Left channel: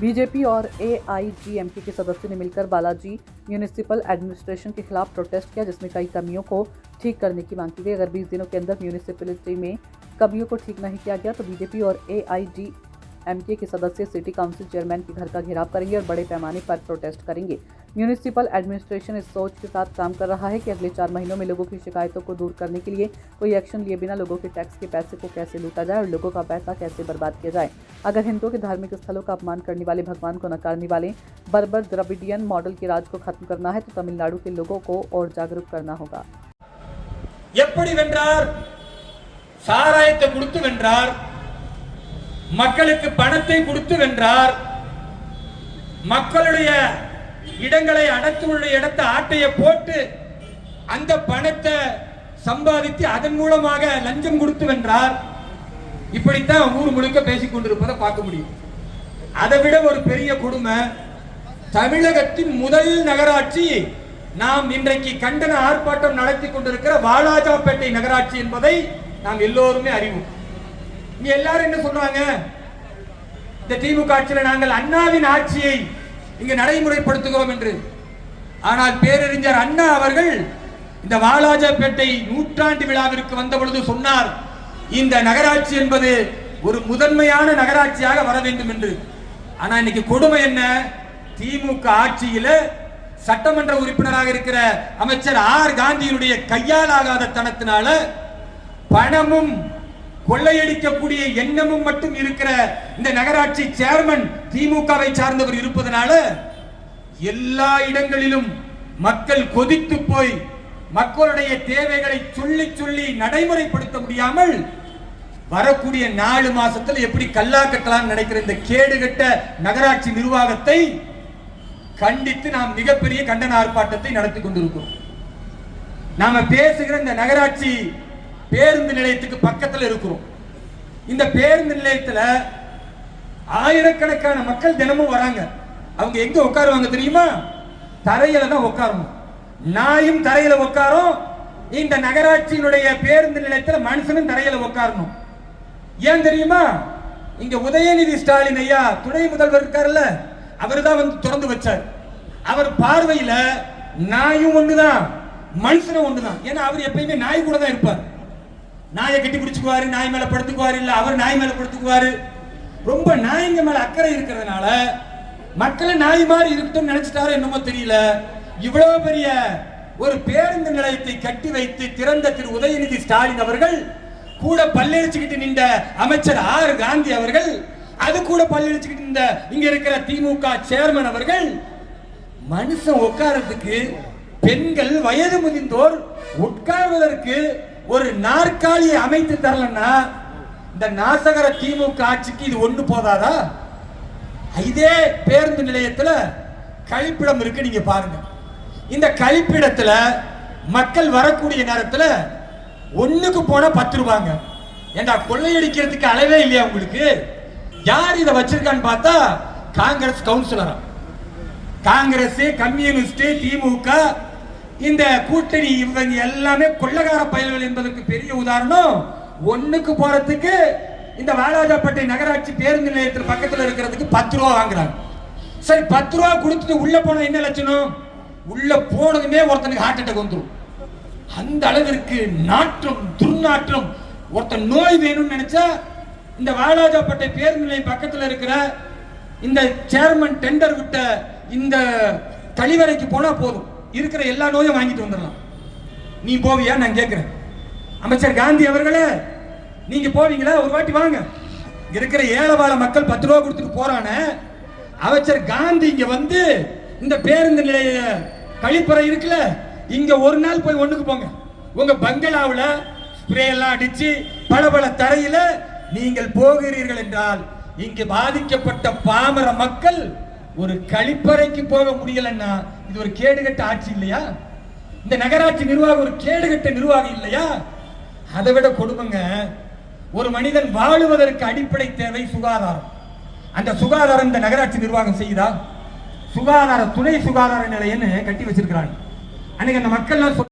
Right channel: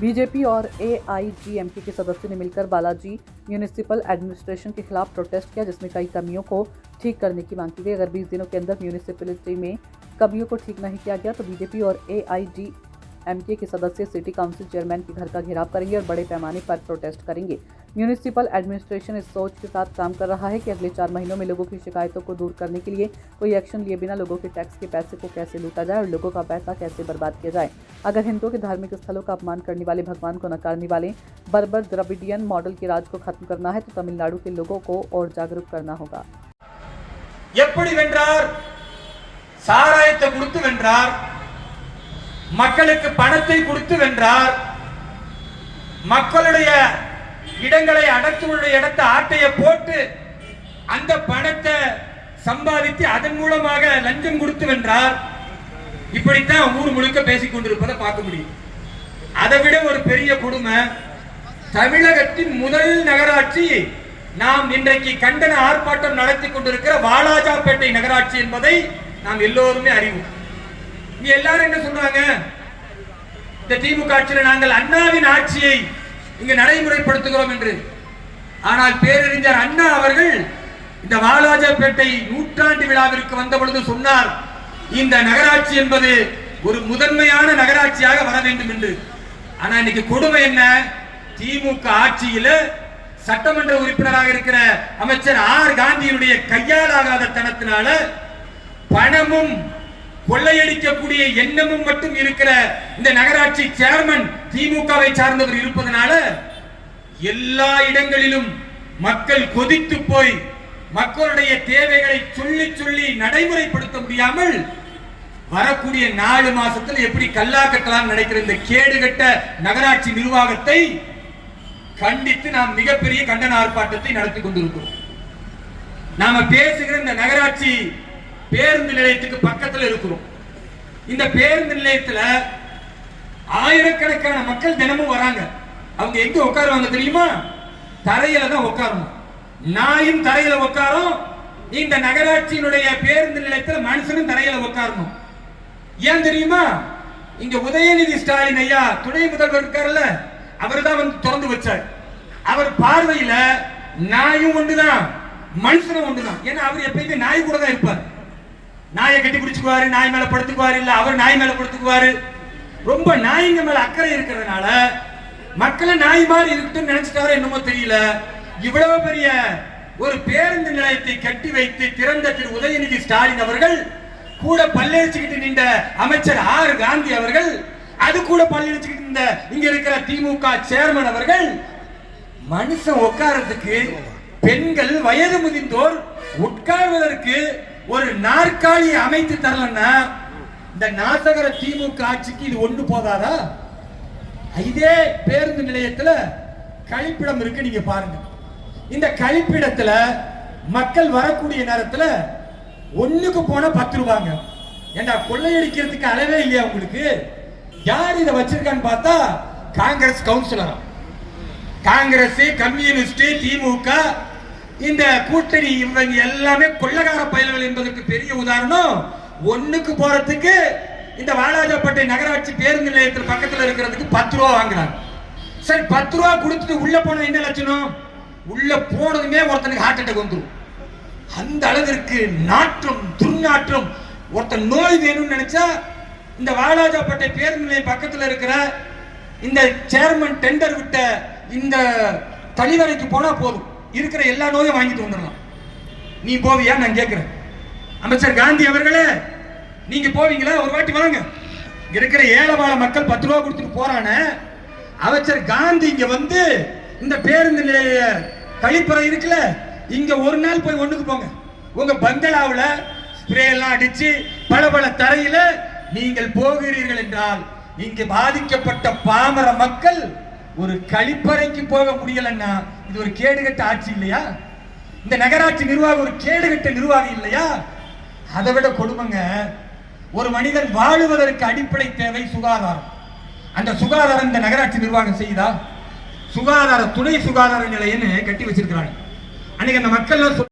BJP और एआईजीएमके के सदस्यों ने मिलकर बालाजी म्यूनिसिपल एडमिनिस्ट्रेशन के खिलाफ प्रोटेस्ट किया, जिसमें कई कमियों को ठीक करने की मांग की गई। अगर 20 दिनों के अंदर म्यूनिसिपैलिटी में कमियों को ठीक नहीं किया गया तो बीजेपी और एआईजीएमके के सदस्य सिटी काउंसिल चेयरमैन के घर का घेराव करेंगे और बड़े पैमाने पर प्रोटेस्ट करेंगे। म्यूनिसिपल एडमिनिस्ट्रेशन इस सोच के साथ काम कर रहा है कि अगले 4 महीनों में लोगों की शिकायतों को दूर करने के लिए कोई एक्शन लिए बिना लोगों के टैक्स के पैसे को कैसे लूटा जाए और लोगों का पैसा कैसे बर्बाद किया जाए। अगर हिंदुओं के धार्मिक स्थलों का अपमान करने वाले, भगवान को नकारने वाले बर्बर द्रविडियन मॉडल के राज को खत्म करना है तो तमिलनाडु के लोगों को और जागरूक करना होगा। எப்படி வென்றார்? சாராயத்தை கொடுத்து வென்றார், மக்களுக்கு பணத்தை கொடுத்து வென்றார், மக்களுடைய இடங்களை அடக்குடைய இடத்தை ஆட்டைய போட்டு அந்த பணத்தை சம்பாதித்து அதன் மூலமாக லஞ்சம் கொடுத்து வென்றார். இப்படித்தான் ஊர் முழுக்க பேசிக் கொண்டிருப்பதை பார்க்க முடியும். அதை விட ஒரு பெரிய கொடுமை, தமிழகத்தின் முதல் நகராட்சி நாம் இன்றைக்கு கண்டன ஆர்ப்பாட்டம் நடத்தி கொண்டிருக்கிற வாலாஜாப்பேட்டை நகராட்சி என்பதை நாம் எல்லோருமே அறிவோம். இங்க எல்லாரும் என்ன சொல்றாங்க? இந்த திமுக ஆட்சியில் நாங்கள் அண்ணாவின் ஆட்சியை இங்கு நடைமுறைப்படுத்துகிறோம் என்று. ஆனால் பேரறிஞர் அண்ணா அவர்கள் இந்த வாலாஜாப்பேட்டை நூற்றாண்டு விழாவிற்கு வந்த பொழுது சொன்னார், இந்த நகராட்சி என்பது ஒரு முதன்மையான நகராட்சியாக வர வேண்டும் என்று. ஆனா இன்னைக்கு கொடுமை என்ன? திமுக ஆட்சியில சட்டமன்ற உறுப்பினராக இருக்கிற அமைச்சர் ஆர் காந்தியினுடைய கையாலாகாத தனத்தினால பணமும் கொள்ளையடிக்கக்கூடிய எண்ணமும் மட்டும் இருக்கிற இந்த நகராட்சி சேர்மன் திமுகவை சார்ந்தவர் இருப்பதனால எல்லா இடங்களிலும் மக்கள் கொதித்து போய் மக்களுடைய தேவைகளை சொல்லி சொல்லி நடைமுறைப்படுத்த முடியாமல் வரக்கூடிய 4 மாசத்துல எப்படி கல்லா கட்டலாம் நினைக்கிற இந்த கேடுகட்ட நகராட்சி நிர்வாகத்தை கண்டித்து நாம் மிகப்பெரிய கண்டன ஆர்ப்பாட்டத்தை நடத்தி கொண்டிருக்கிறோம். நாம பேசுகிற இந்த நகராட்சி பேருந்து நிலையத்துக்கு பக்கத்தில் இருக்கிறோம். இந்த பேருந்து நிலையத்தில் ஆயிரக்கணக்கான மக்கள் தினமும் வராங்க. அவங்க எங்க உட்காருவாங்க தெரியுமா? தரையில தான் உட்காரணும். நாயும் தரையில உட்காரும். இந்த நகராட்சியினுடைய பேருந்து நிலையத்தில் மனுஷனும் தரையில உட்காரணும். ஏன் தெரியுமா? இங்க உதயநிதி ஸ்டாலின் ஐயா துணை முதல்வர் இருக்காருல்ல, அவர் தான் வந்து திறந்து வச்சார். அவர் பார்வையில நாயும் ஒண்ணுதான், மனுஷனும் ஒண்ணுதான். ஏன்னா அவர் எப்பயுமே நாய் கூட தான் இருப்பார். நாயை கட்டி பிடிச்சுக்குவாரு, நாய் மேல படுத்துக்குவாரு, இல்ல அவர் நாய் மேல படுத்துக்குவாரு. ரொம்ப நாய்ங்க மேல அக்கறை இருக்கிறதுனால மக்களை நாய் மாதிரி இருக்கட்டும் நினைச்சிட்டாரோ என்னமோ தெரியல, இவ்வளவு பெரிய ஒரு பேருந்து நிலையத்தை கட்டி வைத்து திறந்த திரு உதயநிதி ஸ்டாலின் அவர்கள் கூட பல்லெரிச்சுக்கிட்டு நின்ற அமைச்சர் ஆர் காந்தி அவர்கள், அது கூட பல்லெரிச்சுக்கிட்டு நின்ற இங்க இருக்கிற திமுக சேர்மன் அவர்கள், மனுஷன் உட்கார்றதுக்கு பெண்கள் வயது முதிர்ந்தோர் உட்கார்வதற்கு ஒரு நாற்காலியை அமைத்து தரலன்னா இந்த நாசகர திமுக ஆட்சிக்கு இது ஒண்ணு போதாதா? இதே பேருந்து நிலையத்துல கழிப்பிடம் இருக்கு, நீங்க பாருங்க. இந்த கழிப்பிடத்துல மக்கள் வரக்கூடிய நேரத்துல ஒண்ணுக்கு போனா 10 ரூபாங்க. ஏண்டா கொள்ளையடிக்கிறதுக்கு அளவே இல்லையா உங்களுக்கு? யார் இதை வச்சிருக்கான்னு பார்த்தா காங்கிரஸ் கவுன்சிலரா. காங்கிரஸ், கம்யூனிஸ்ட், திமுக இந்த கூட்டணி இவங்க எல்லாமே கொள்ளக்கார பயல்கள் என்பதற்கு பெரிய உதாரணம். ஒண்ணுக்கு போறதுக்கு இந்த வாலாஜாப்பேட்டை நகராட்சி பேருந்து நிலையத்தில் பக்கத்தில் இருக்கிறதுக்கு 10 ரூபா வாங்குறாங்க. சரி, 10 ரூபா கொடுத்துட்டு உள்ள போன என்ன லட்சணம்? உள்ள போனதுமே ஒருத்தனுக்கு ஹார்ட் அட்டாக் வந்துடும். அந்த அளவிற்கு நாற்றம், துர்நாற்றம். ஒருத்தன் நோய் வேணும்னு நினைச்சா இந்த வாலாஜாப்பேட்டை பேருந்து நிலையம் பக்கத்தில் இருக்கிற இந்த சேர்மன் டெண்டர் விட்ட இந்த கழிவறைக்கு போனா போதும், இருக்கிற எல்லா நோயும் வாங்கிட்டு வந்துடலாம். நீ போவியா? நான் கேட்கிறேன். அமைச்சர் காந்தி அவர்களே, நீங்க போவீங்களா? ஒரு வாட்டி வாங்க. இருக்கிற ஏழைவாழ மக்கள் 10 ரூபா கொடுத்துட்டு போறானே, அமைச்சர் காந்தி இங்க வந்து இந்த பேருந்து நிலைய கழிப்பறை இருக்குல்ல, இங்க ஒரு நாள் போய் ஒண்ணுக்கு போங்க. உங்க பங்களாவுல ஸ்ப்ரே எல்லாம் அடிச்சு பளபள தரையில நீங்கள் போகிறீர்கள் என்றால் இங்கு பாதிக்கப்பட்ட பாமர மக்கள் ஒரு கழிப்பறைக்கு போக முடியலன்னா இது ஒரு கேடுகட்ட ஆட்சி இல்லையா? இந்த நகராட்சி நிர்வாகம் ஒரு கேடுகட்ட நிர்வாகம் இல்லையா? அதை விட கொடுமைங்க, ஒரு மனிதன் வாழுவதற்கு அடிப்படை தேவை சுகாதாரம். அந்த சுகாதாரம் இந்த நகராட்சி நிர்வாகம் செய்யுதா? சுகாதார துணை சுகாதார நிலையன்னு கட்டி வச்சிருக்கிறாங்க. அன்னைக்கு அந்த மக்கள்